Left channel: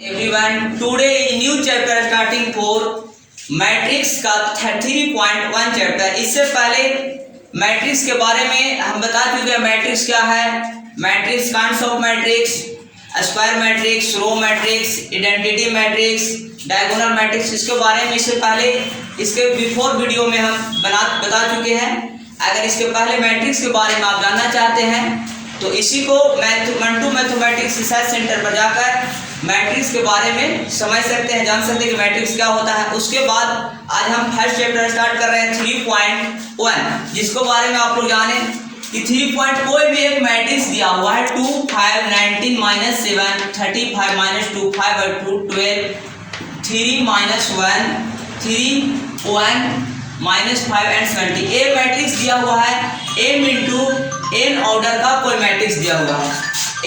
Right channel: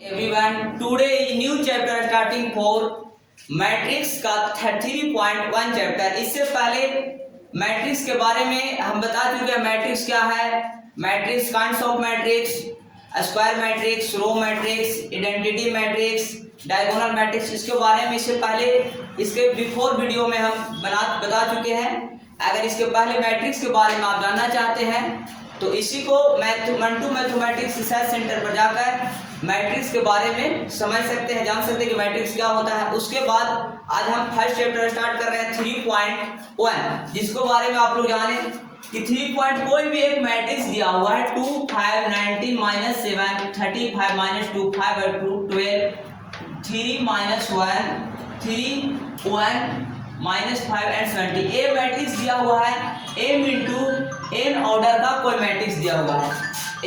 Everyone, today new chapter starting for matrix का 33.1 chapter. इससे पहले मैट्रिक्स के बारे में हम बता चुके हैं। मैट्रिक्स क्या है, matrix, kinds of matrix, square matrix, row matrix, identity matrix, diagonal matrix. इसके बारे में इससे पहले इसके बिफोर वीडियो में हम बता चुके हैं। अगर इसके पहले मैट्रिक्स के बारे में आप जानना चाहते हैं तो इसी को मैथमेटिक्स रिसर्च सेंटर पर जाकर मैट्रिक्स के बारे में समझ सकते हैं, जान सकते हैं कि मैट्रिक्स क्या होता है। उसके बाद आज हम फर्स्ट चैप्टर स्टार्ट कर रहे हैं 3.1, जिसको बारे में आप लोग जाने कि 3 कोई भी एक मैट्रिक्स दिया हुआ है 2 5 19 -7 35 -2 5 और 2 12 3 -1 3 1 -5 एंड 70। ए मैट्रिक्स दिया हुआ है m इंटू n ऑर्डर का कोई मैट्रिक्स दिया हुआ है,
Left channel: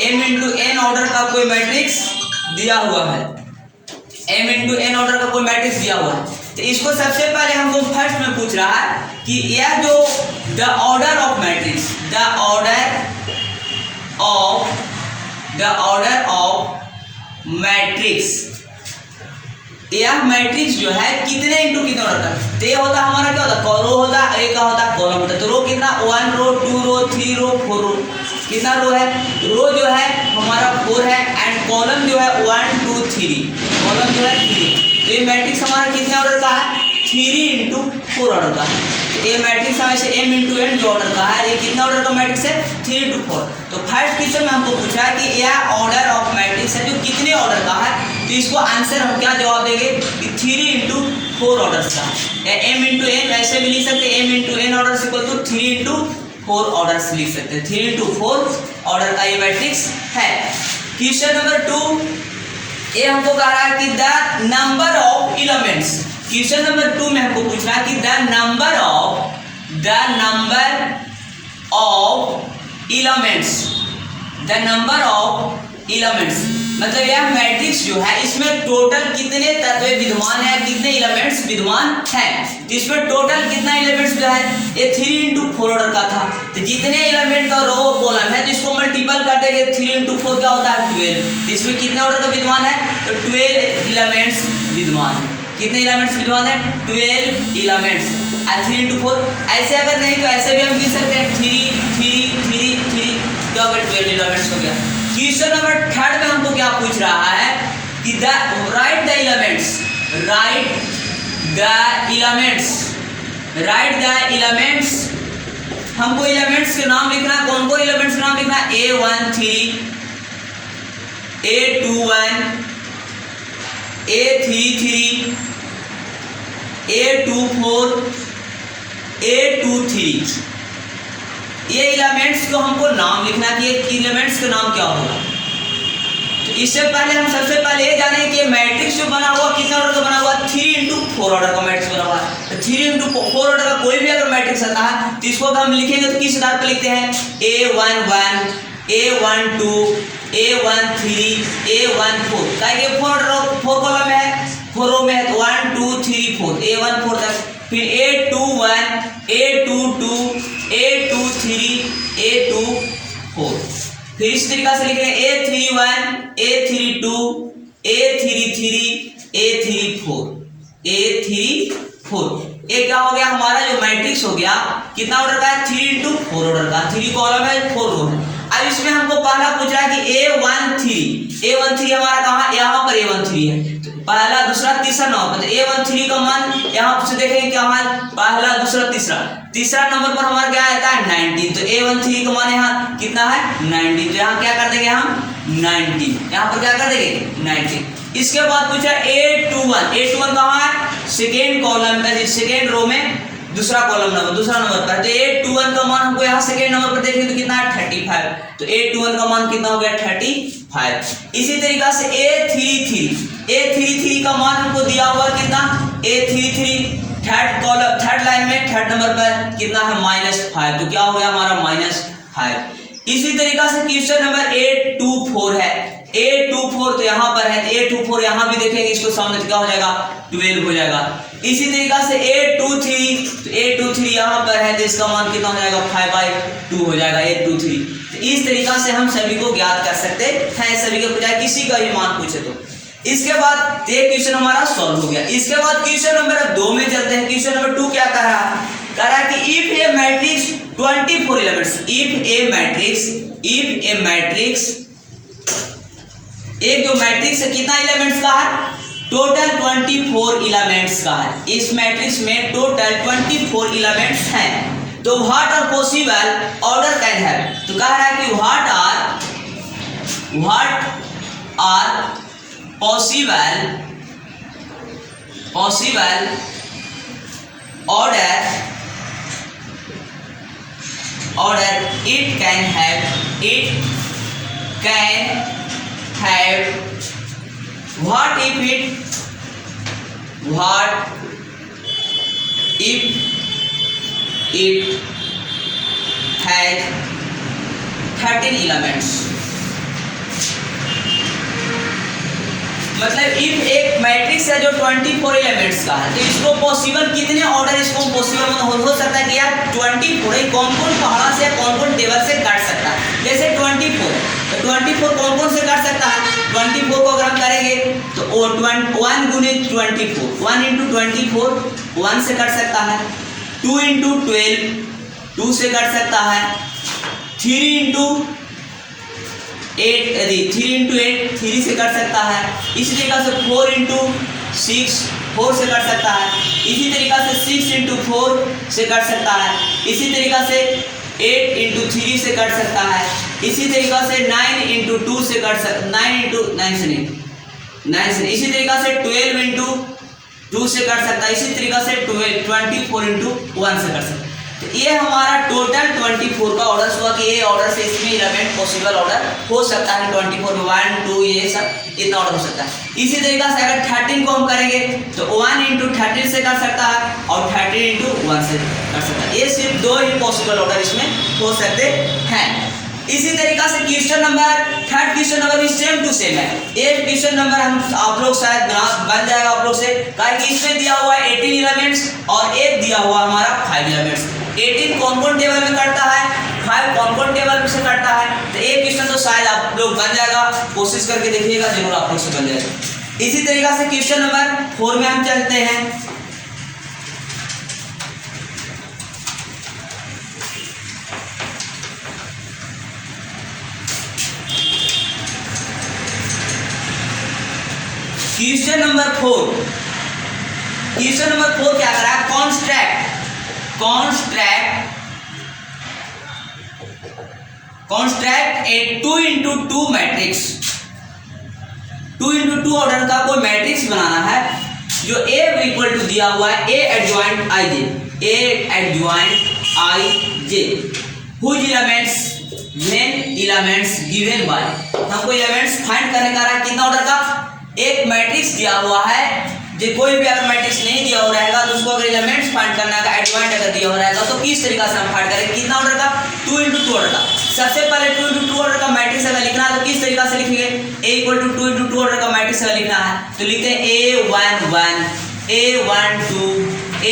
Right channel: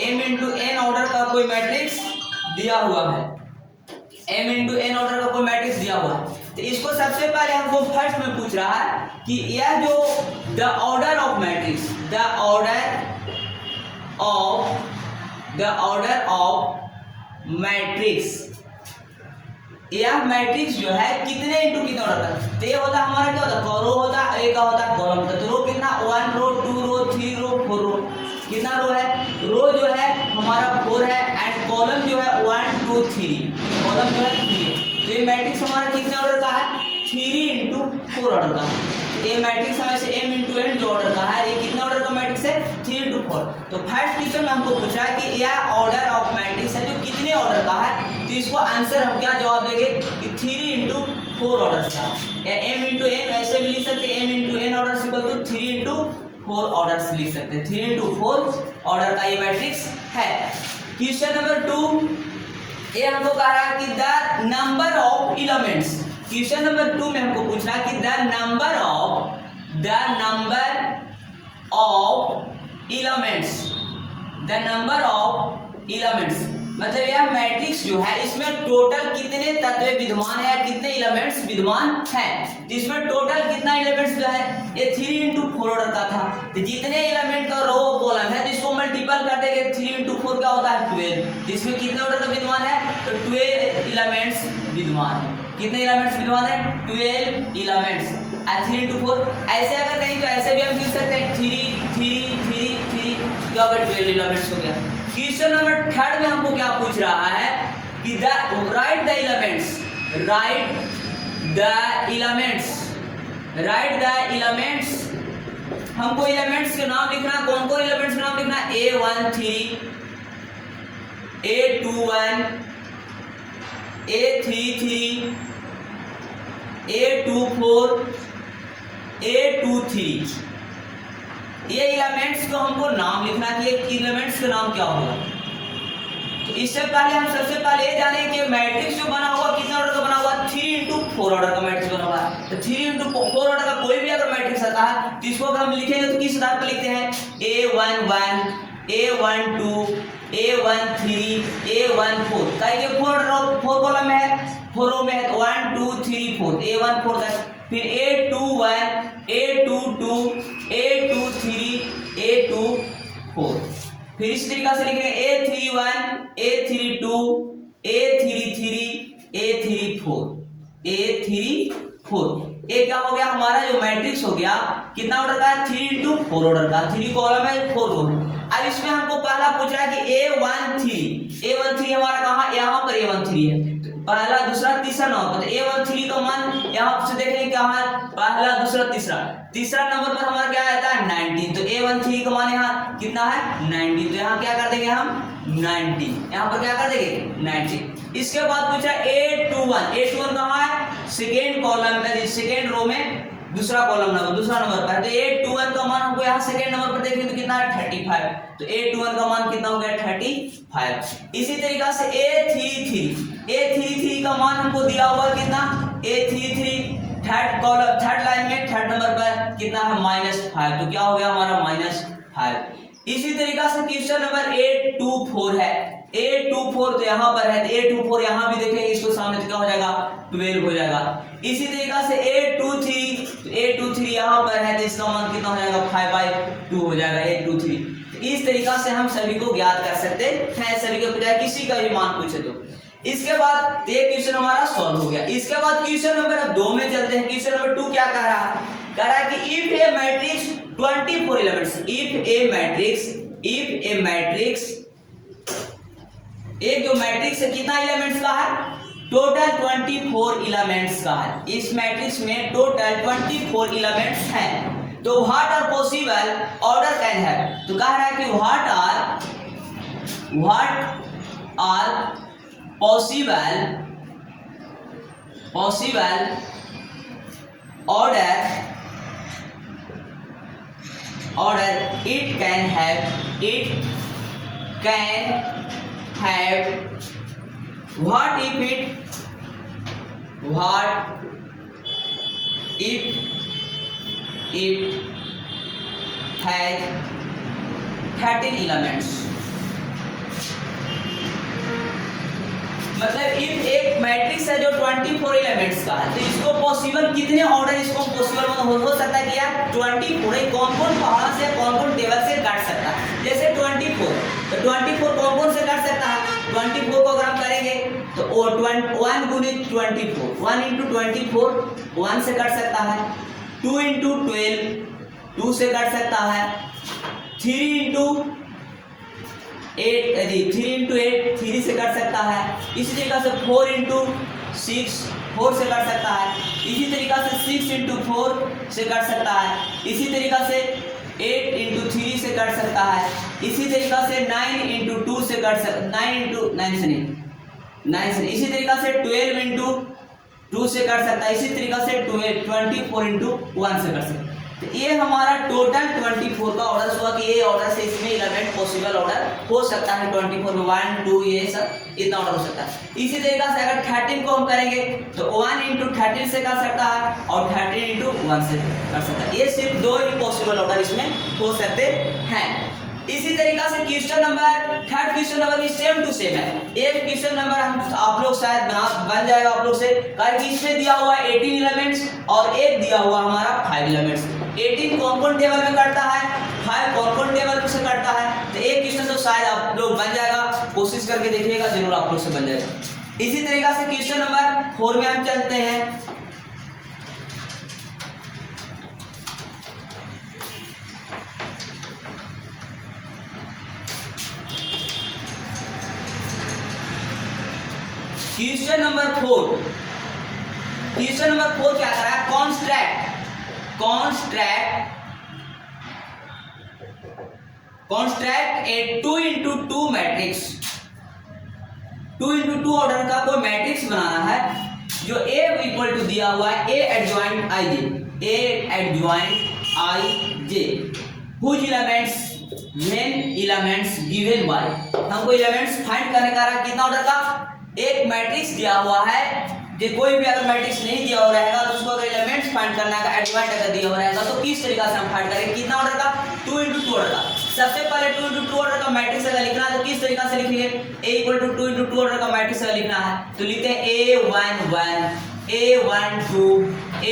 m इंटू n ऑर्डर का कोई मैट्रिक्स दिया हुआ है, m इंटू n ऑर्डर का कोई मैट्रिक्स दिया हुआ है। तो इसको सबसे पहले हमको फर्स्ट में पूछ रहा है कि यह जो the order of matrix, the order of matrix, यह मैट्रिक्स जो है कितने इंटू कितने ऑर्डर का। तो ये होता हमारा क्या होता, रो होता, ए का होता कॉलम होता। तो रो कितना, 1 रो 2 रो 3 रो 4 रो। कितना रो है, रो जो है हमारा 4 है एंड कॉलम जो है 1 2 3, कॉलम जो है 3। तो ये मैट्रिक्स हमारा कितने ऑर्डर का है, 3 इंटू 4 ऑर्डर का है। तो ये मैट्रिक्स हमें m इंटू n जो ऑर्डर का है, ये कितना ऑर्डर का मैट्रिक्स है, 3 इंटू 4। तो फर्स्ट क्वेश्चन में हमको पूछा है कि यह ऑर्डर ऑफ मैट्रिक्स है जो कितने ऑर्डर का है। तो इसको आंसर हम क्या जवाब देंगे कि 3 इंटू 4 ऑर्डर का है। m इंटू n ऐसे भी लिख सकते हैं, m into n order equal to 3 into 4 order से लिख सकते हैं। 3 इंटू 4 ऑर्डर का ये मैट्रिक्स है। क्वेश्चन नंबर 2, ये हमको कह रहा है कि the number of elements. Question number 2 में हमको पूछ रहा है कि द नंबर ऑफ एलिमेंट्स, मतलब यह मैट्रिक्स जो है इसमें टोटल कितने तत्व विद्यमान है, कितने एलिमेंट्स विद्यमान हैं। तो इसमें टोटल कितना एलिमेंट्स जो है, ये 3 इंटू 4 ऑर्डर का था। तो जितने एलिमेंट का रो कॉलम है तो इसको मल्टीपल कर देंगे, 3 इंटू 4 क्या होता है 12। तो इसमें कितने ऑर्डर का विद्यमान है, तो 12 एलिमेंट्स विद्यमान है। कितने एलिमेंट्स विद्यमान है, 12 एलिमेंट्स। 3 इंटू 4 ऐसे अगर नहीं तो ऐसे भी हम लिख सकते हैं 3 3 3 3, क्या हो गया 12 एलिमेंट्स हो गया। क्वेश्चन नंबर 3 में हमको क्या पूछ रहा है कि राइट द एलिमेंट्स। हमको एलिमेंट्स के नाम लिखना, कौन कौन एलिमेंट्स के नाम लिखना, A13 A21 A33 A24 A23। ये एलिमेंट्स को हमको नाम लिखना कि एलिमेंट्स का नाम क्या होगा। तो इससे पहले हम सबसे पहले ये जाने कि मैट्रिक्स जो बना हुआ कितने ऑर्डर का बना हुआ, 3 इंटू 4 ऑर्डर का मैट्रिक्स बना हुआ है। तो 3 इंटू 4 ऑर्डर का कोई भी अगर मैट्रिक्स आता है तो इसको हम लिखेंगे तो किस आधार पर लिखते हैं, A11 A12 A13 A14। ताकि 4 कॉलम है, 4 रो में है, 1 2 3 4 A14 तक, फिर A21 A22 A23 A24। फिर इस तरीका से लिख रहे हैं A31 A32 A33 A34 A34। ये क्या हो गया हमारा जो मैट्रिक्स हो गया, कितना ऑर्डर का है, 3 इंटू 4 ऑर्डर का। 3 कॉलम है 4 रो है। अब इसमें हमको पहला पूछ रहा है कि A13 हमारा कहाँ, यहाँ पर A13 है। तो पहला दूसरा तीसरा नंबर पर A13 का मान यहाँ से देखेंगे क्या मान, पहला दूसरा तीसरा नंबर पर हमारा क्या आता है 19। तो A13 का मान यहाँ कितना है 19। तो यहाँ क्या कर देंगे हम 19, यहाँ पर क्या कर देंगे 19। इसके बाद पूछा A21 कहाँ है, सेकेंड कॉलम में, सेकेंड रो में दूसरा नंबर पर है। तो A21 का मान हमको यहाँ सेकेंड नंबर पर देखेंगे तो कितना है 35। तो A21 का मान कितना हो गया 35। इसी तरीका से A33 का मान हमको दिया हुआ कितना, A33 थर्ड लाइन में थर्ड नंबर पर कितना है -5। तो क्या हो गया हमारा -5। इसी तरीका से क्वेश्चन नंबर A24 है, A24 तो यहाँ पर है, तो A24 यहाँ भी देखेंगे, इसको सामने क्या हो जाएगा 12 हो जाएगा। इसी तरीका से A23, तो A23 यहाँ पर है तो इसका मान कितना हो जाएगा 5/2 हो जाएगा A23। तो इस तरीका से हम सभी को ज्ञात कर सकते हैं, सभी के बजाय किसी का भी मान पूछे तो। इसके बाद ये क्वेश्चन हमारा सॉल्व हो गया। इसके बाद क्वेश्चन नंबर 2 में चलते हैं। क्वेश्चन नंबर 2 क्या कर रहा है? कह रहा है कि if A matrix 24 elements, if A matrix एक जो मैट्रिक्स है कितना एलिमेंट्स का है? टोटल 24 एलिमेंट्स का है। इस मैट्रिक्स में टोटल 24 एलिमेंट्स हैं। तो what are possible order can have, तो कह रहा है कि what are possible order it can have what if it has 13 elements। मतलब इफ एक मैट्रिक्स है जो 24 एलिमेंट्स का है, तो इसको पॉसिबल कितने ऑर्डर इसको पॉसिबल हो सकता है कि यार 24 कौन-कौन पहाड़ा से कौन-कौन टेबल से काट सकता है। जैसे 24, तो 24 कौन-कौन से काट सकता है? 24 को अगर हम करेंगे तो 1 गुने 24, 1 into 24 1 से काट सकता है, 2 into 12 2 से काट सकता है, 3 into 8 3 से कट सकता है। इसी तरीका से 4 into 6 4 से कट सकता है। इसी तरीका से 6 into 4 से कट सकता है। इसी तरीका से 8 into 3 से कट सकता है। इसी तरीका से 9 into 2 से कट सकता है, 9 से नहीं, इसी तरीका से 12 into 2 से कट सकता है। इसी तरीका से 24 into 1 से कट सकता है। तो ये हमारा टोटल 24 का ऑर्डर हुआ कि ये ऑर्डर से इसमें एलिमेंट पॉसिबल ऑर्डर हो सकता है 24 में 1 2 ये सब इतना ऑर्डर हो सकता है। इसी तरीका से अगर 13 को हम करेंगे तो 1 into 13 से कर सकता है और 13 into 1 से कर सकता है। ये सिर्फ 2 ही पॉसिबल ऑर्डर इसमें हो सकते हैं। इसी तरीका से question number third question number भी सेम टू सेम है। ये क्वेश्चन नंबर हम आप लोग शायद बन जाएगा आप लोग से, कारण कि इसमें दिया हुआ है 18 एलिमेंट्स और एक दिया हुआ हमारा 5 एलिमेंट्स। 18 कौन-कौन टेबल में कटता है, 5 कौन-कौन टेबल में से कटता है। तो एक क्वेश्चन तो शायद आप लोग बन जाएगा, कोशिश करके देखिएगा, जरूर आप लोग से बन जाएगा। इसी तरीका से क्वेश्चन नंबर 4 में हम चलते हैं। क्वेश्चन नंबर 4 क्या कर रहा है? कॉन्स्ट्रैक्ट ए 2 into 2 मैट्रिक्स। 2 into 2 ऑर्डर का कोई मैट्रिक्स बनाना है जो ए इक्वल टू दिया हुआ है a adjoint i j whose elements given by. हमको एलिमेंट्स फाइंड करने का है कितना ऑर्डर का? एक मैट्रिक्स दिया हुआ है, जो कोई भी अगर मैट्रिक्स नहीं दिया हुआ रहेगा तो उसको अगर एलिमेंट्स फाइंड करना है, एडजॉइंट अगर दिया हुआ रहेगा तो किस तरीका से हम फाइंड करेंगे? कितना ऑर्डर का? 2 into 2 ऑर्डर का। सबसे पहले 2 into 2 ऑर्डर का मैट्रिक्स अगर लिखना है तो किस तरीका से लिखेंगे? a equal to 2 into 2 order का मैट्रिक्स अगर लिखना है तो लिखते हैं a1 1 a1 2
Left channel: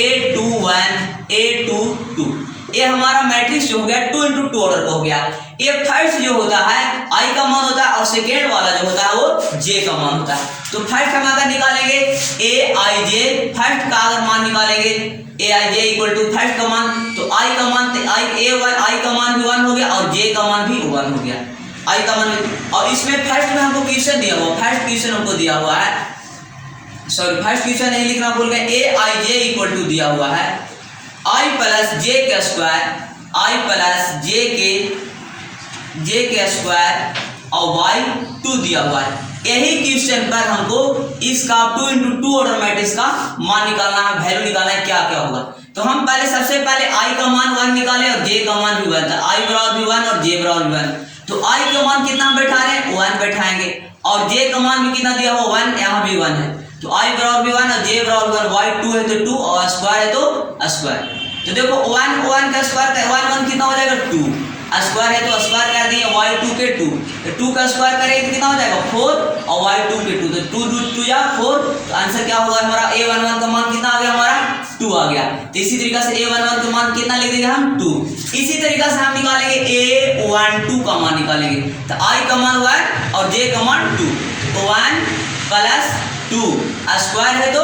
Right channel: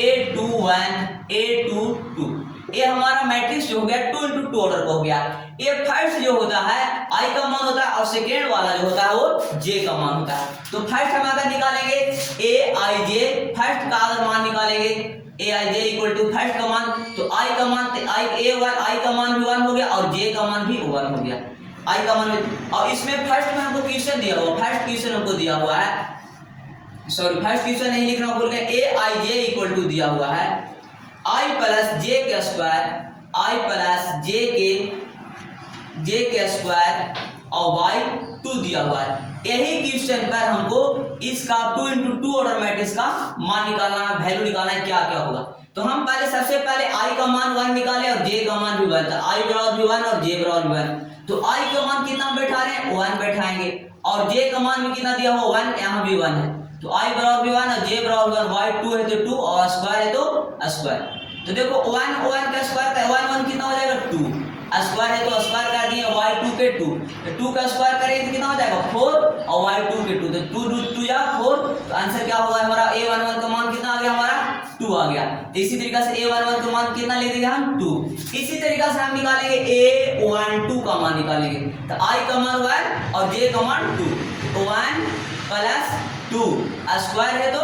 a2 1 a2 2। ये हमारा मैट्रिक्स जो हो गया 2 into 2 ऑर्डर का हो गया। ये फर्स्ट जो होता है i का मान होता है और सेकेंड वाला जो होता है वो j का मान होता है। तो फर्स्ट हम अगर निकालेंगे aij, फर्स्ट का अगर मान निकालेंगे aij इक्वल टू फर्स्ट का मान, तो i का मान i का मान भी 1 हो गया और j का मान भी 1 हो गया। i का मान भी, और इसमें फर्स्ट में हमको क्वेश्चन दिया हुआ, फर्स्ट क्वेश्चन हमको दिया हुआ है, सॉरी फर्स्ट क्वेश्चन नहीं लिखना भूल गए। aij इक्वल टू दिया हुआ है i प्लस j के स्क्वायर, i प्लस j के स्क्वायर और y 2 दिया हुआ है। यही क्वेश्चन पर हमको इसका 2 into 2 ऑर्डर मैट्रिक्स का मान निकालना है, वैल्यू निकालना है, क्या क्या होगा। तो हम सबसे पहले i का मान 1 निकाले और j का मान भी 1 था, i बराबर भी 1 और j बराबर भी 1। तो i का मान कितना हम बैठा रहे हैं? 1 बैठाएंगे और j का मान भी कितना दिया हुआ 1, यहाँ भी 1 है। तो i बराबर भी 1 और j बराबर 1, y 2 है तो 2 और स्क्वायर है तो स्क्वायर। तो देखो 1 का स्क्वायर 1 कितना हो जाएगा? 2, स्क्वायर है तो स्क्वायर कर दिए, y2 के 2, तो 2 का स्क्वायर करेंगे तो कितना हो जाएगा? 4 और y2 के 2, तो 2 2 या 4। तो आंसर क्या होगा हमारा? a11 का मान कितना आ गया हमारा? 2 आ गया। तो इसी तरीका से a11 का मान कितना लिख देंगे हम? 2। इसी तरीका से हम निकालेंगे a12 का मान निकालेंगे, तो i का मान 1 और j का मान 2, तो 1 प्लस 2 स्क्वायर है तो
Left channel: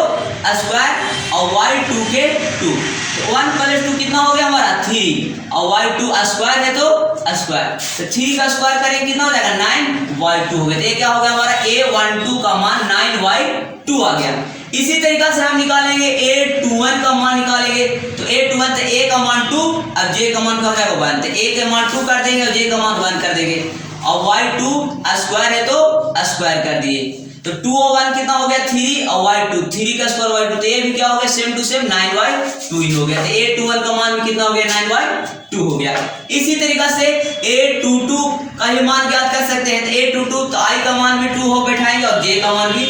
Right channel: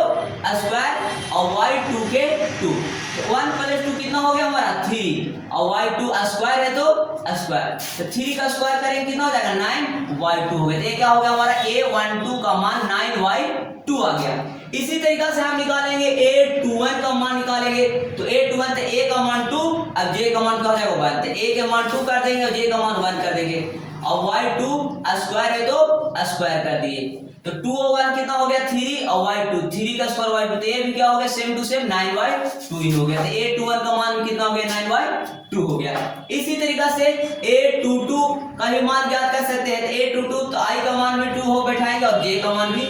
स्क्वायर और y2 के 2, तो 1 + 2 कितना हो गया हमारा 3 और y2 स्क्वायर है तो स्क्वायर, तो 3 का स्क्वायर करेंगे कितना हो जाएगा 9y2 हो गया। तो ये क्या हो गया हमारा a12 का मान 9y2 आ गया। इसी तरीका से हम निकालेंगे a21 का मान निकालेंगे, तो a21 से a का मान 2, अब j का मान क्या हो जाएगा 1, तो a के मान 2 कर देंगे और j का मान 1 कर देंगे और y2 स्क्वायर है तो स्क्वायर कर दिए, तो 2 और 1 कितना हो गया 3 और y2 3 का स्क्वायर y2, तो ये भी क्या हो गया सेम टू सेम 9y2 ही हो गया। तो a21 का मान भी कितना हो गया 9y2 हो गया। इसी तरीका से a22 का भी मान ज्ञात कर सकते हैं, तो a22 तो i का मान भी 2 हो बैठाएंगे और j का मान भी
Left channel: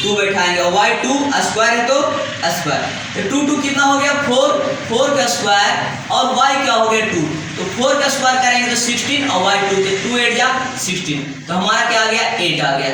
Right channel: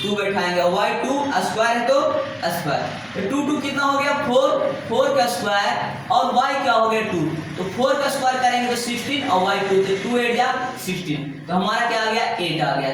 2 बैठाएंगे और y2 स्क्वायर है तो स्क्वायर, तो 2 कितना हो गया 4 का स्क्वायर और y क्या हो गया 2, तो 4 का स्क्वायर करेंगे तो 16 और y2 तो 2 8 जा 16, तो हमारा क्या आ गया 8 आ गया।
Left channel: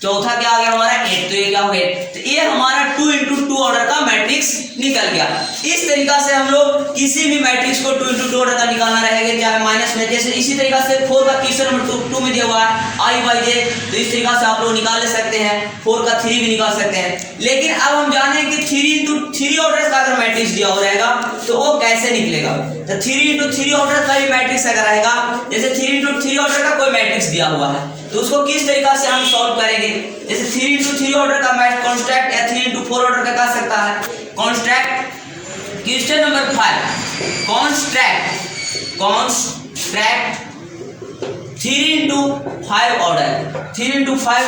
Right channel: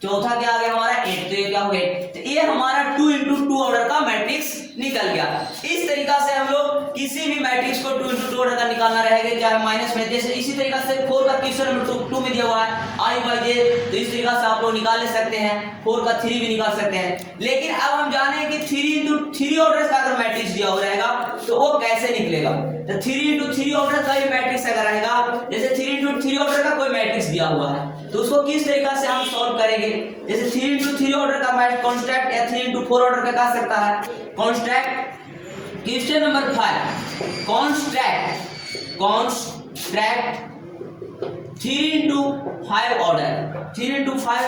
चौथा क्या आ गया हमारा 8, तो ये क्या हो गया, तो ये हमारा 2 × 2 ऑर्डर का मैट्रिक्स निकल गया। इस तरीका से हम लोग किसी भी मैट्रिक्स को 2 × 2 ऑर्डर का निकालना रहेगा, चाहे माइनस में, जैसे इसी तरीका से 4 का क्वेश्चन नंबर 2 में दिया हुआ है i/j, तो इस तरीका से आप लोग निकाल ले सकते हैं, 4 का 3 भी निकाल सकते हैं। लेकिन अब हम जाने कि 3 × 3 ऑर्डर का अगर मैट्रिक्स दिया हो रहेगा तो वो कैसे निकलेगा, तो 3 × 3 ऑर्डर का भी मैट्रिक्स अगर रहेगा, जैसे 3 × 3 ऑर्डर का कोई मैट्रिक्स दिया हुआ है तो उसको किस तरीका से हम सॉल्व करेंगे, जैसे 3 × 3 ऑर्डर का मैट्रिक्स कॉन्स्ट्रैक्ट या 3 × 4 ऑर्डर का कह सकता है construct. Question number 5 construct 3 × 5 order, 3 × 5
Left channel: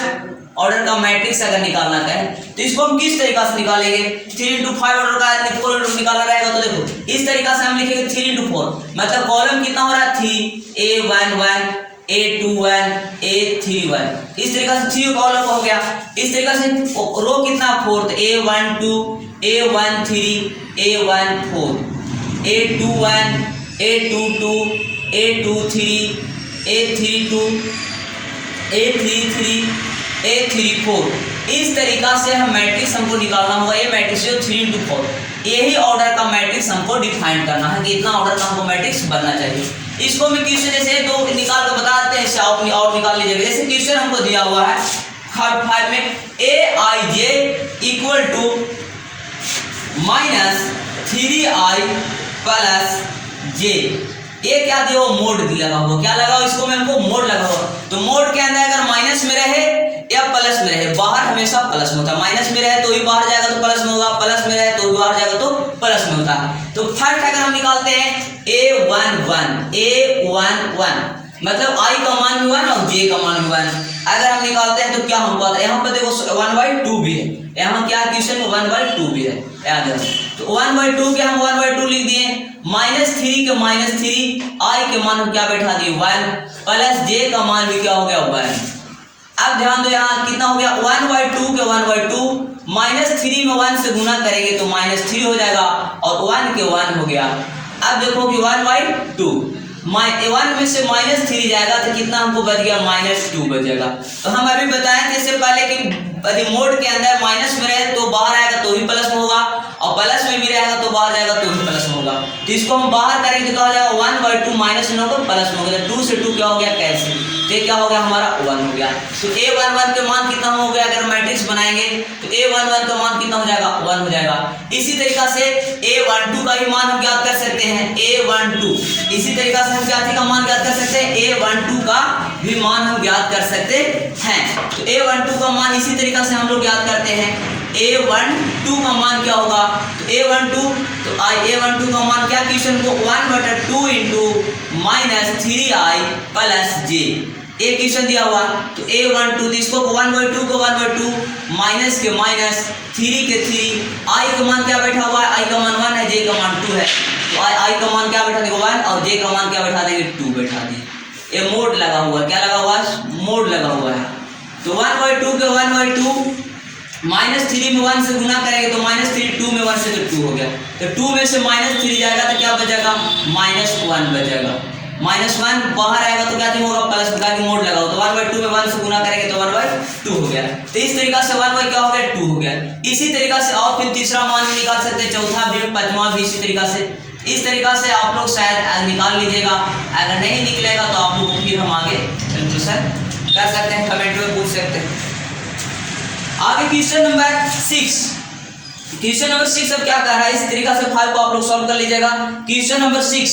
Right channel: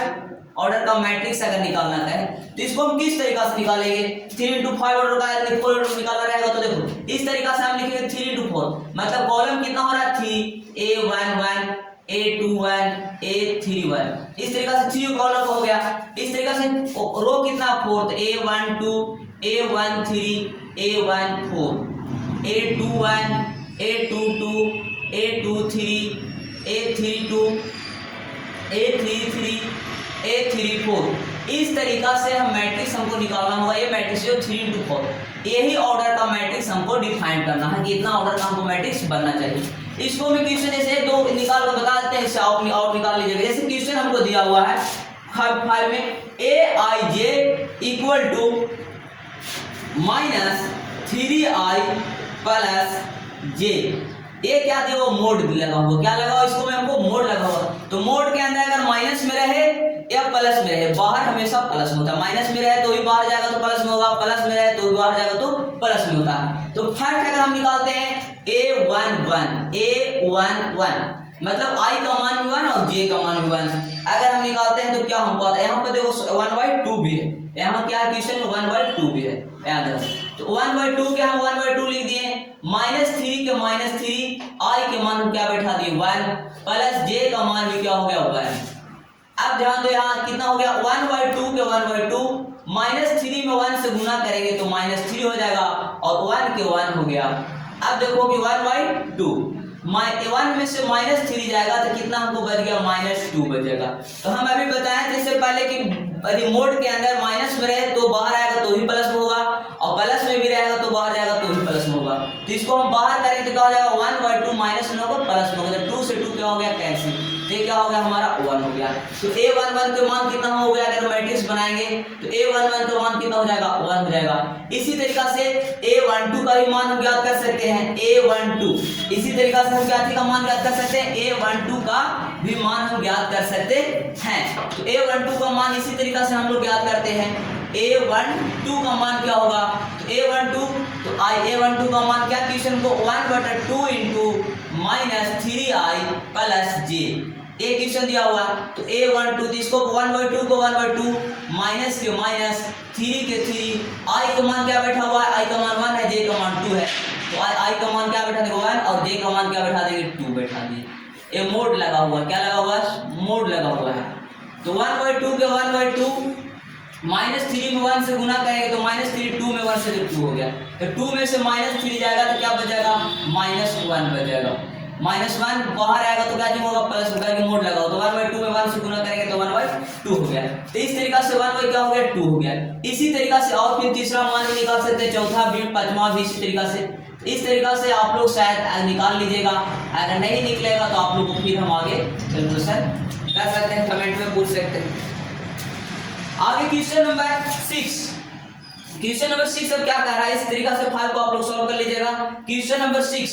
order का मैट्रिक्स अगर निकालना है तो इसको हम किस तरीका से निकालेंगे, 3 × 5 ऑर्डर का 4 ऑर्डर निकालना रहेगा तो देखो इस तरीका से हम लिखेंगे 3 × 4, मतलब कॉलम कितना हो रहा है 3 a11 a21 a31, इस तरीका से 3 कॉलम हो गया। इस तरीका से रो कितना 4, तो a12 a13 a14 a21 a22 a23 a32 a33 a34, इस तरीका से हम मैट्रिक्स हमको निकालना होगा। ये मैट्रिक्स 3 × 4, यही ऑर्डर का मैट्रिक्स हमको डिफाइन करना है कि इतना ऑर्डर का हमको मैट्रिक्स बनना चाहिए। इसको मैं क्वेश्चन ऐसे दो निकाल कर बताते हैं, इससे आप निकाल लीजिएगा। जैसे क्वेश्चन हमको दिया हुआ है 5 में aij = -3i + j, ये क्या दिया हुआ मोड लगा हुआ, क्या लगा हुआ इसको में हमको मोड लगा हुआ, तो मोड के अंदर अगर माइनस में रहे या प्लस में रहे, बाहर हमेशा प्लस में होता है, माइनस में रहे तो भी बाहर जाएगा तो प्लस में होगा, प्लस में रहे तो भी बाहर जाएगा तो प्लस में होता है। तो फर्स्ट अगर हम निकालते हैं a11 मतलब i का मान भी 1 और j का मान भी 1, अगर हम निकालते हैं तो क्या हमको आता है, यहाँ पर देखो 1/2 भी है, यहाँ क्या क्वेश्चन में 1/2 भी है, याद रखो। तो 1/2 के हम 1/2 लिख दिए, -3 के -3 i के मान हम क्या बैठा दिए 1 प्लस j का मान भी क्या हो गया 1। अब ध्यान दो यहाँ कितना हो गया 1/2 के 1/2, -3 में 1 से गुना करेंगे तो -3 हो जाएगा और 1 के 1 हो गया। अब देखो कि 1/2 1 में से -3 जाएगा तो कितना हमको बच गया -2 बचेगा। तो हम अभी बताएं थे इससे पहले कि रिमोट के अंदर माइनस में रहे तो बाहर आएगा तो भी प्लस में होगा और प्लस में भी रहेगा तो बाहर जाएगा तो भी प्लस में होगा। तो इसको हम बाहर करेंगे तो क्या हो जाएगा 1/2 माइनस में होगा प्लस में हो गया, 2 से 2 क्या हो गया कैंसिल, तो क्या हो गया हमारा 1 हो गया। तो a11 के मान कितना हो गया, अगर मैट्रिक्स बनाएंगे तो a11 का मान कितना हो जाएगा 1 हो जाएगा। इसी तरीका से a12 का भी मान हम ज्ञात कर सकते हैं, a12 इसी तरीका से हम क्या का मान ज्ञात कर सकते हैं, a12 का भी मान हम ज्ञात कर सकते हैं। तो a12 का मान इसी तरीका से हम लोग ज्ञात करते हैं, a12 का मान क्या होगा, तो a12 का मान क्या क्वेश्चन को 1/2 × -3i + j ये क्वेश्चन दिया हुआ। तो a12 इसको 1/2 को 1/2 माइनस के माइनस 3 के 3 i का मान क्या बैठा हुआ है, i का मान 1 है, j का मान 2 है, तो i का मान क्या बैठा देंगे 1 और j का मान क्या बैठा देंगे 2 बैठा दिए। ये मोड लगा हुआ है, क्या लगा हुआ है मोड लगा हुआ है। तो 1/2 के 1/2 -3 में 1 से गुना करेंगे तो -3 2 में 1 से तो 2 हो गया, तो 2 में से -3 जाएगा तो क्या बचेगा -1 बचेगा, -1 बाहर आएगा तो क्या होगा प्लस का मोड लगाओ, तो 1/2 में 1 से गुना करेंगे तो 1/2 हो गया। तो इस तरीका से 1 क्या हो गया 2 हो गया। इसी तरीका से और फिर तीसरा मान भी निकाल सकते हैं, चौथा भी पांचवा भी इसी तरीका से। इस तरीका से आप लोग शायद निकाल लीजिएगा, अगर नहीं निकलेगा तो आप लोग को फिर हम आगे कंक्लूजन कर सकते हैं, कमेंट में पूछ सकते हैं। आगे क्वेश्चन नंबर 6। क्वेश्चन नंबर 6 अब क्या कर रहा है, इस तरीका से 5 को आप लोग सॉल्व कर लीजिएगा। क्वेश्चन नंबर 6,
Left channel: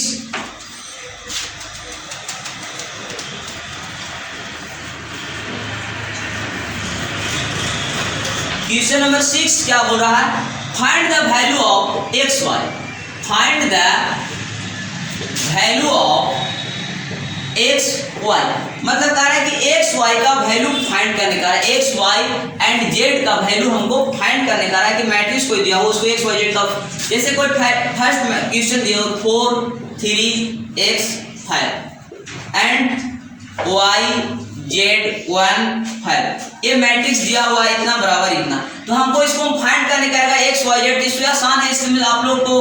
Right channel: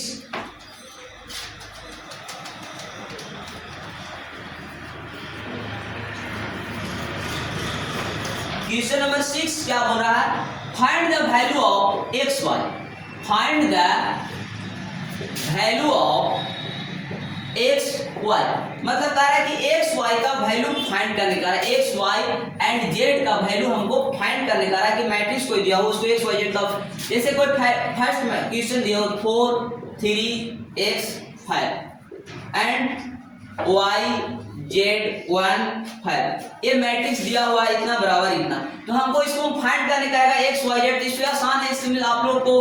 क्वेश्चन नंबर 6 क्या बोल रहा है, find the value of x y. Find the value of x y, मतलब कह रहा है कि एक्स वाई का वैल्यू फाइंड करने का है। एक्स वाई एंड जेड का वैल्यू हमको फाइंड करने का है कि मैट्रिक्स कोई दिया हो उसको एक्स वाई जेड का, जैसे कोई फर्स्ट क्वेश्चन दिया हो 4 3 x 5 एंड y z 1 5, ये मैट्रिक्स दिया हुआ है इतना बराबर इतना, तो हमको इसको फाइंड करने का है एक्स वाई जेड। इसमें आसान है, इसमें आप लोग को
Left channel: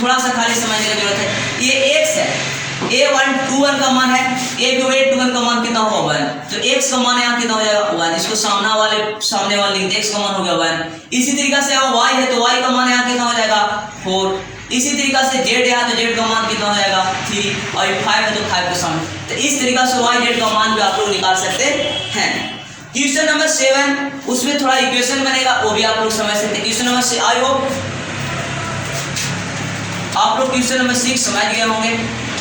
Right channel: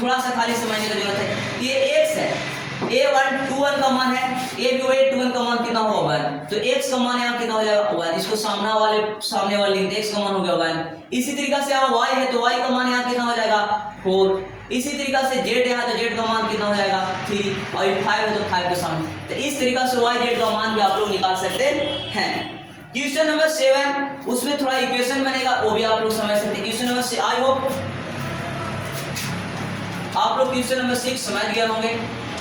थोड़ा सा खाली समझने की जरूरत है। ये x है, a1 21 का मान है, a21 का मान कितना होगा 1, तो x का मान यहाँ कितना हो जाएगा 1, इसको सामने वाले लिख दे, x का मान हो गया 1। इसी तरीका से यहाँ y है तो y का मान यहाँ कितना हो जाएगा 4। इसी तरीका से z है तो z का मान कितना हो जाएगा 3, और 5 है तो 5 के सामने, तो इस तरीका से y z का मान भी आप लोग निकाल सकते हैं। क्वेश्चन नंबर 7, उसमें थोड़ा इक्वेशन बनेगा, वो भी आप लोग समझ सकते हैं। क्वेश्चन नंबर 6, आई होप आप लोग क्वेश्चन नंबर 6 समझ गए होंगे।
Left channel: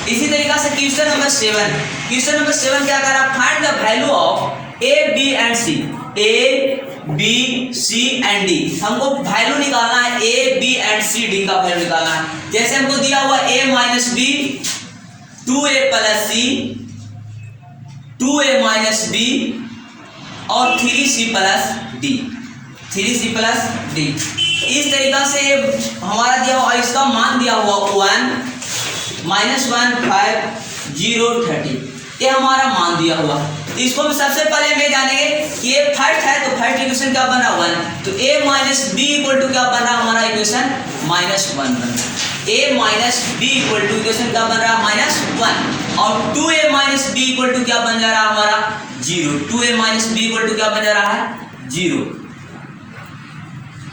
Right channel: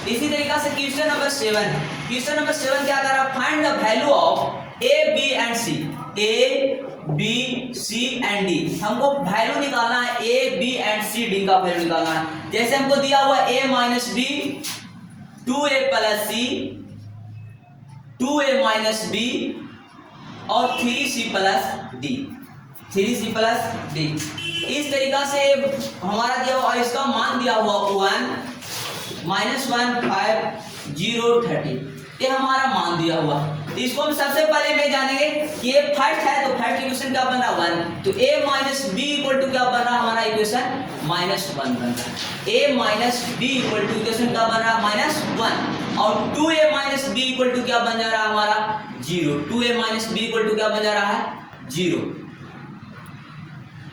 इसी तरीका से क्वेश्चन नंबर 7, क्वेश्चन नंबर 7 क्या कर रहा है, find the value of a b and c. A b c and d, हमको वैल्यू निकालना है, a b and c d का वैल्यू निकालना है। जैसे हमको दिया हुआ a minus b, 2a plus c, 2a minus b और 3c plus D, 3c plus D. इस तरीका से हमारा दिया हुआ, इसका मान दिया हुआ 1 -1 5 0 30, ये हमारा मान दिया हुआ। इसको हम सबसे पहले ले जानेंगे, ये फर्स्ट है तो फर्स्ट इक्वेशन क्या बन रहा 1, तो a minus b equal to क्या बन रहा हमारा इक्वेशन -1 बन रहा है। a minus b equal to equation क्या बन रहा है -1, और 2a minus b equal to क्या बन जा रहा है हमारा 0। 2a minus b equal to क्या बन जा रहा है 0।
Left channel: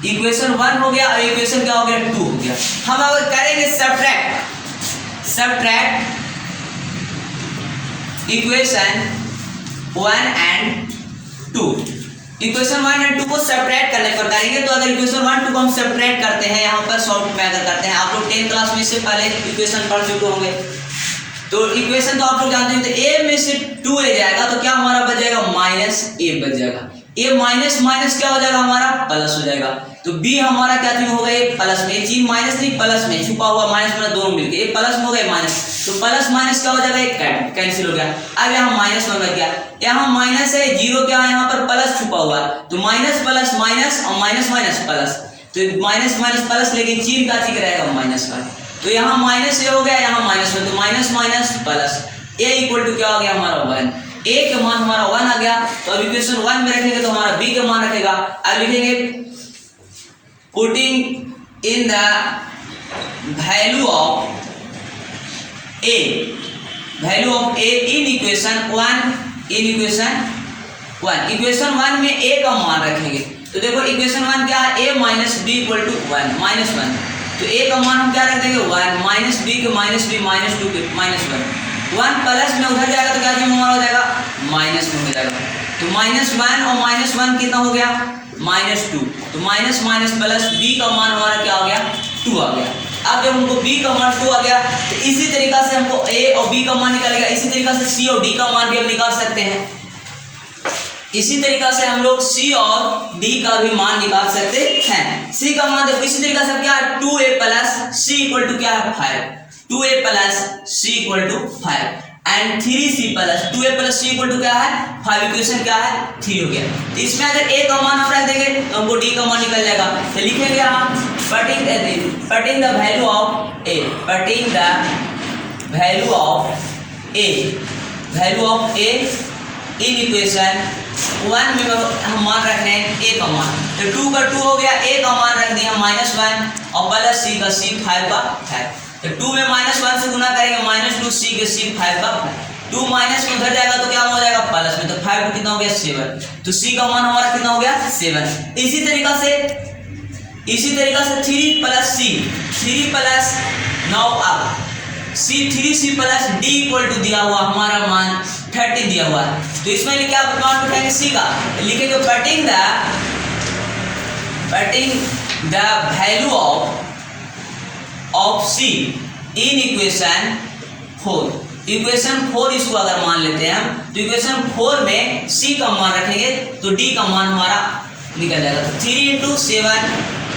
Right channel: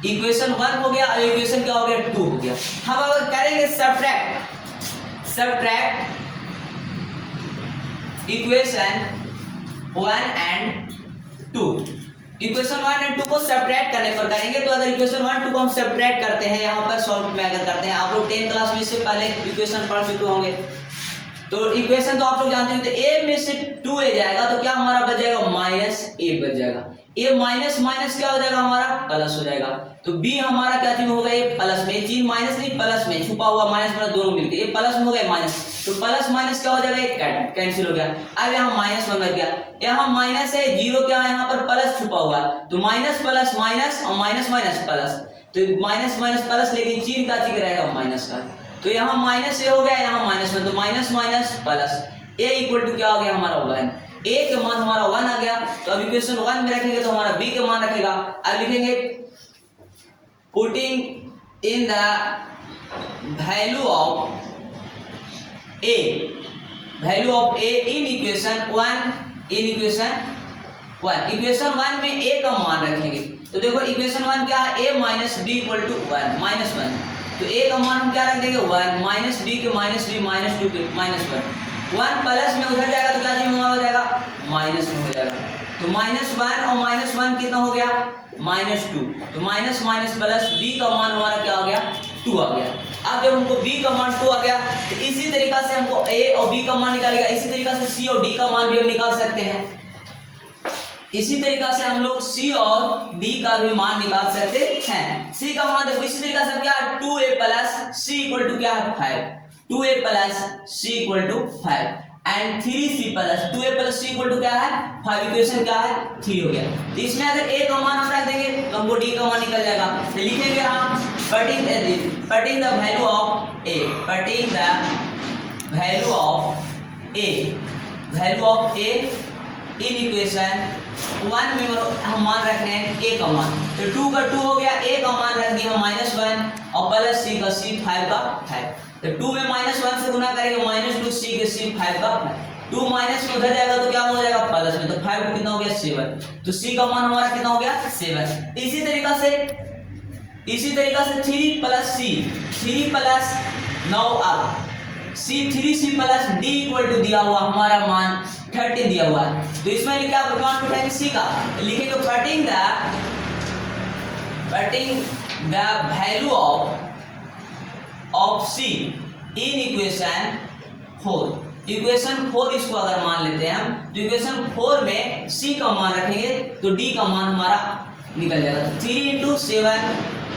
इक्वेशन 1 हो गया, और इक्वेशन क्या हो गया 2 हो गया। हम अगर करेंगे subtract equation 1 and 2, equation 1 and 2 को सब्ट्रैक्ट करने पर करेंगे। तो अगर इक्वेशन 1 2 को हम सब्ट्रैक्ट करते हैं, यहाँ पर सॉल्व में अगर करते हैं, आप लोग 10th क्लास में इससे पहले इक्वेशन पढ़ चुके होंगे, तो इक्वेशन तो आप लोग जानते हैं, तो a में से 2a जाएगा तो क्या हमारा बच जाएगा -a बच जाएगा। a माइनस माइनस क्या हो जाएगा हमारा प्लस हो जाएगा, तो b हमारा क्या चीज हो गया प्लस में, चीज माइनस नहीं प्लस में छुपा हुआ, माइनस माइनस दोनों मिलके ये प्लस में हो गए माइनस, तो प्लस माइनस क्या हो जाएगा कैंसिल हो गया। अब यहाँ -1 बच गया, यहाँ माइनस है 0 क्या है यहाँ पर प्लस छुपा हुआ, तो माइनस प्लस माइनस और माइनस माइनस प्लस, तो माइनस माइनस प्लस, लेकिन चीज का चीज रहेगा माइनस का, तो यहाँ माइनस ए हो गया, यहाँ -1, तो minus minus plus, a equal to क्या हो गया हमारा 1, a का मान हमारा 1 आ गया। तो अब इक्वेशन 1 में रखेंगे तो हमारा b का मान रखेगा। अब लिखेंगे putting in the value of a, value of a in equation 1, in equation 1, equation 1 में a का मान रखेंगे। तो देखो इक्वेशन 1 क्या है, a minus b equal to 1 -1, तो a का मान हम क्या रख देंगे 1, माइनस बी के माइनस बी माइनस 2 के -1, 1 प्लस में उधर जाएगा तो क्या चीज हमारा हो जाएगा माइनस में हो जाएगा, तो -1 और -1 कितना हो गया -2, तो माइनस माइनस प्लस b का मान हमारा क्या हो गया 2 आ गया। अब जब हमको b का मान 2 आ गया, तो इसी तरीका से हमको a और b का मान निकालेगा, इसी तरीका से c और d का मान भी हम निकाल सकते हैं। इसी तरीका से हम लोग c और d का भी मान निकाल सकते हैं। c का मान देखो इसी तरीका से क्या है 2a plus c equal to क्या है 5, 2a plus c equal to 5 and 3c plus 2a plus c equal to क्या है 5, इक्वेशन क्या है 3 हो गया। तो इसमें अगर a का मान हम रख देंगे तो हमको d का मान निकल जाएगा। तो लिखेंगे हम putting the value of a, putting the value of a in equation 1 में हम मान रखने हैं a का मान, तो 2 का 2 हो गया, a का मान रख दिया -1 और प्लस c का c 5 का 5, तो 2 में -1 से गुना करेंगे -2 c के c 5 का 5, 2 माइनस में उधर जाएगा तो क्या हो जाएगा प्लस में, तो 5 कितना हो गया 7, तो c का मान हमारा कितना हो गया 7। इसी तरीका से 3 प्लस c, 3 प्लस 9 अब c plus d equal to दिया हुआ हमारा मान 30 दिया हुआ है, तो इसमें क्या मान उठाएंगे c का, लिखेंगे putting the the value of c in equation 4। Equation 4 इसको अगर मान लेते हैं तो इक्वेशन 4 में सी का मान रखेंगे तो डी का मान हमारा निकल जाएगा। 3 × 7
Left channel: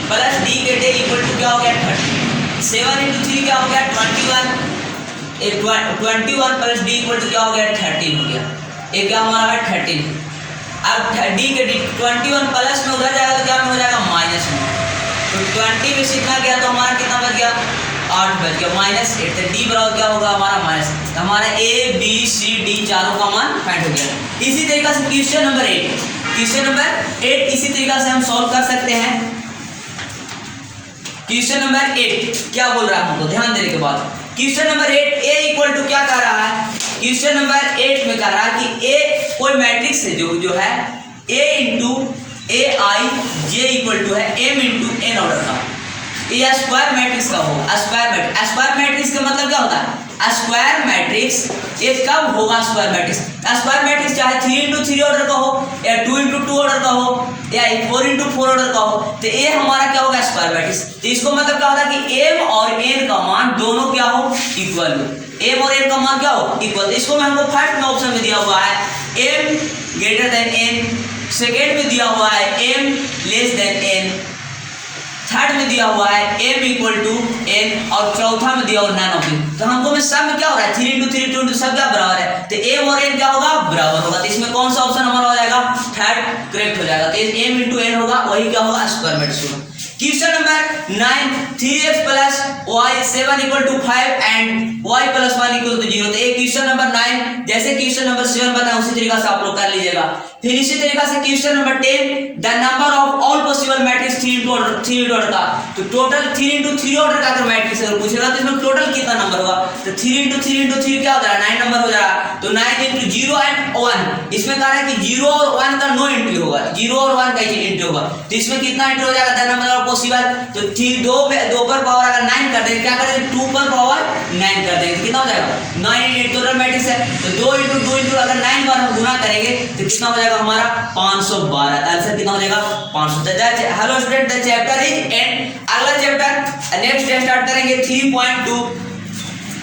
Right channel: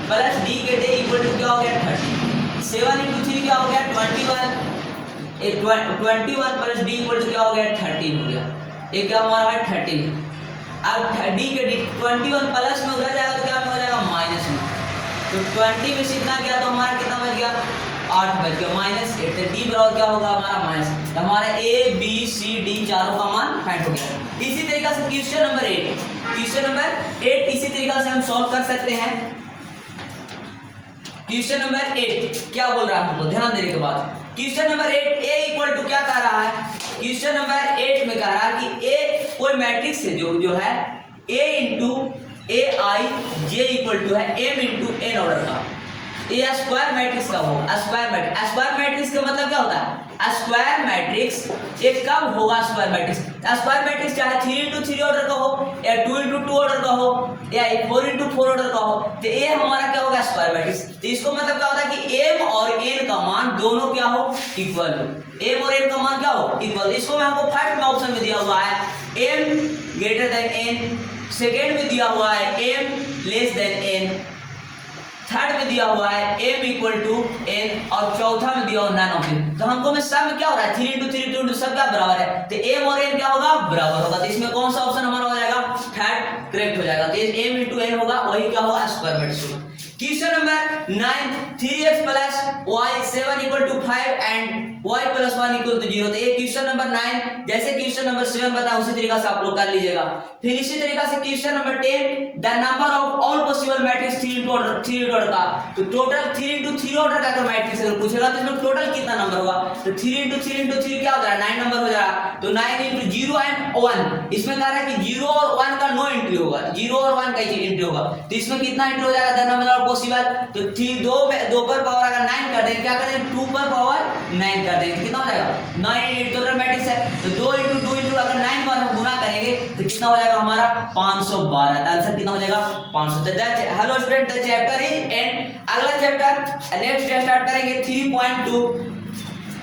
प्लस डी के डे इक्वल टू क्या हो गया 30। 7 × 3 क्या हो गया 21। 21 प्लस डी इक्वल टू क्या हो गया 13 हो गया। ये क्या हमारा है 13। अब डी के डी 21 प्लस में उधर जाएगा तो क्या में हो जाएगा माइनस में। तो 20 में से इतना गया तो हमारा कितना बच गया 8 बच गया -8। तो डी बराबर क्या होगा हमारा माइनस। तो हमारा ए बी सी डी चारों का मान फाइंड हो गया। इसी तरीके से क्वेश्चन नंबर 8 इसी तरीके से हम सॉल्व कर सकते हैं। क्वेश्चन नंबर 8 क्या बोल रहा है हमको ध्यान देने के बाद। Question number 8 a equal to क्या कह रहा है। क्वेश्चन नंबर 8 में कह रहा है कि ए कोई मैट्रिक्स है जो है a into a i j equal to है m इंटू एन ऑर्डर का। ये स्क्वायर मैट्रिक्स का होगा। स्क्वायर मैट्रिक्स का मतलब क्या होता है स्क्वायर मैट्रिक्स। ये कब होगा स्क्वायर मैट्रिक्स। स्क्वायर मैट्रिक्स चाहे 3 × 3 ऑर्डर का हो या 2 × 2 ऑर्डर का हो या 4 × 4 ऑर्डर का हो तो ये हमारा क्या होगा स्क्वायर मैट्रिक्स। तो इसको मतलब क्या होता है कि m और n का मान दोनों क्या हो इक्वल हो। m और n का मान क्या हो इक्वल। तो इसको मैं हमको फर्स्ट में ऑप्शन में दिया हुआ है m greater than n, second में दिया हुआ है m less than n, third में दिया हुआ है m इक्वल टू n और चौथा में दिया हुआ नन ऑफ दिस। तो हमको में सब में क्या हो रहा है 3 × 3 2 सब क्या बराबर है। तो m और n क्या होगा बराबर होगा। तो इसमें कौन सा ऑप्शन हमारा हो जाएगा थर्ड करेक्ट हो जाएगा। तो m × n होगा वही क्या होगा स्क्वायर मैट्रिक्स होगा। Question number 9 3x plus y 7 equal to 5 and y plus 1 equal to 0। तो ये क्वेश्चन नंबर 9 जैसे क्वेश्चन नंबर 7 बताया उसी तरीके से आप लोग कर लीजिएगा। फिर इसी तरीके से question number 10 the number of all possible matrix 3 order का। तो टोटल 3 × 3 ऑर्डर का अगर मैट्रिक्स अगर पूछेगा तो इसमें टोटल कितना नंबर होगा। तो 3 × 3 × 3 क्या होता है 9 नंबर हो जाएगा। तो 9 × 0 एंड 1 इसमें कह रहा है कि 0 और 1 का नो एंट्री होगा। 0 और 1 का एंट्री होगा। तो इसमें कितना एंट्री हो जाएगा द नंबर ऑफ पॉसिबल। तो 2 पर पावर अगर 9 कर देंगे क्या करेंगे 2 पर पावर 9 कर देंगे तो कितना हो जाएगा 9 टोटल मैट्रिक्स है। तो 2 × 2 × अगर 9 बार हम गुना करेंगे तो कितना हो जाएगा हमारा 512। आंसर कितना हो जाएगा 500। Hello student the chapter is and. अगला चैप्टर नेक्स्ट डे स्टार्ट करेंगे 3.2।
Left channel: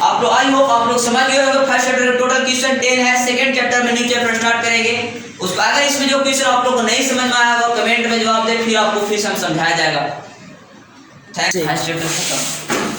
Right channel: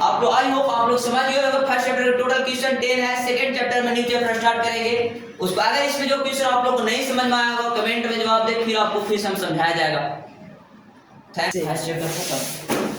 आप लोग आई होप आप लोग समझ गए होंगे। फर्स्ट चैप्टर टोटल क्वेश्चन 10 है। सेकंड चैप्टर में न्यू चैप्टर स्टार्ट करेंगे। उसको अगर इसमें जो क्वेश्चन आप लोगों को नहीं समझ में आया होगा कमेंट में जवाब दे फिर आपको फिर समझाया जाएगा। थैंक्स।